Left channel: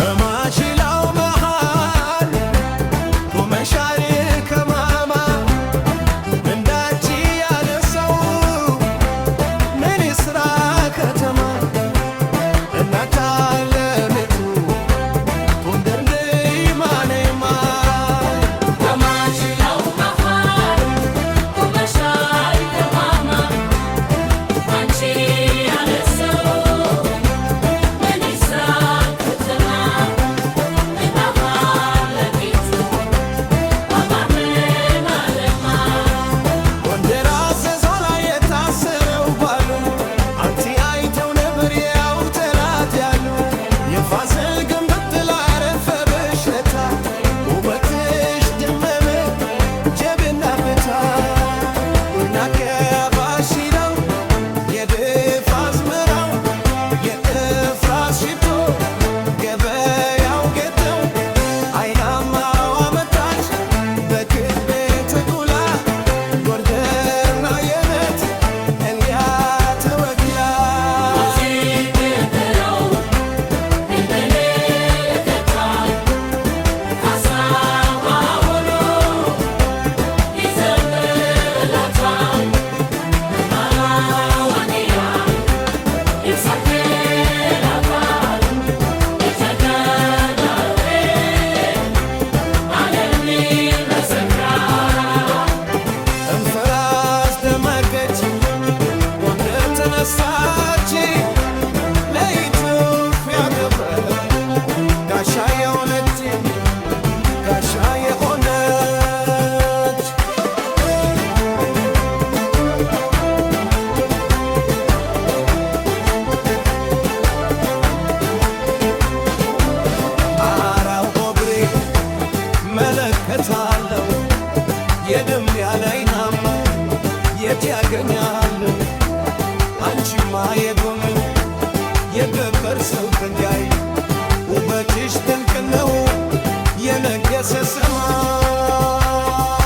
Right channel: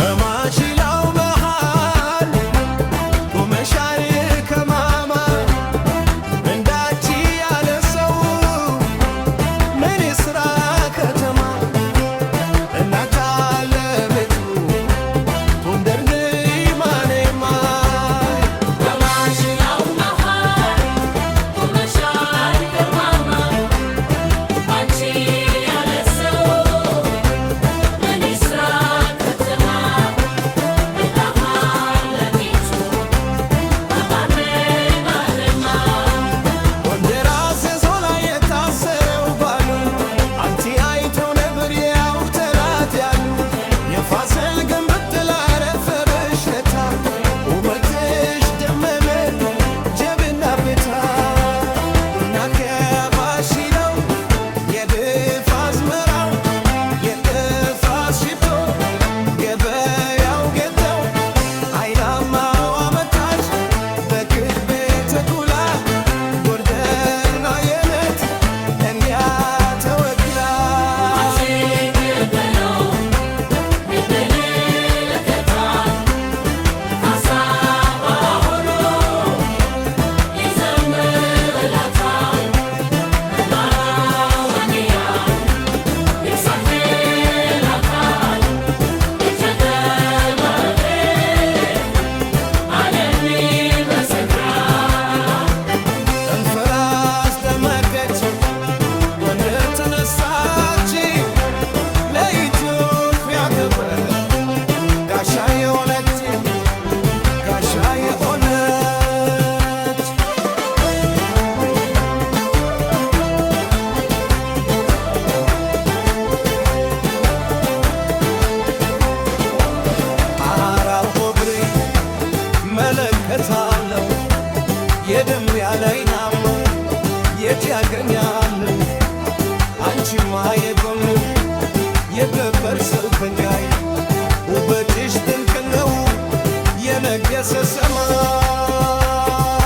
በማሽላው መሃል ቆመሻል ከማማ እንዳንቺ ያለ ሰው ምን ይስራ ከተማ እናት አለሚቱ ጎንደር ነይ ማነማ በማሽላው መሃል ቆመሻል ከማማ አንቺ ያለ ሰው ምን ይስራ ከተማ እናት አለሚቱ አባመ ማለማ ጎንደር አዘዞ ላይ የታሰረው ባሉ አንቲ አይተው ነበር ያው ጠላት ያሉ የፋሲል ግንብ ጥላ አረፈብሽ ለታ ውበትሽ ደመመ ጀብና ፍታ ቡና ከባሽላው የድፍ አዝመራው የእፍራስ ሽቶ ገበያው ጌጠው አይናማው አመታች በክቤ ተኩላ ጎርደና የነት እንዲያ ተወክላ ሲገበረው ይበለከታል ሀሳባ ሆኖ ይዘምርላታል አራዋንያን ይሳክላታል ይተገበረ ዓለም ይመሰክራል እንፍራስ ደመቀች ጎንደር ተነሳች ለኢትዮጵያ ክብር ጋሻ የሆነች ጋሻ የሆነች አራው ኦብሬ መለከታለው የደም ያለይናማ የት ያገኛለሁ አንቺማ የጎን የገበር ሰው ድንጋይ ውበትሽ ድንቅ ነው የነገሰ ሰማይ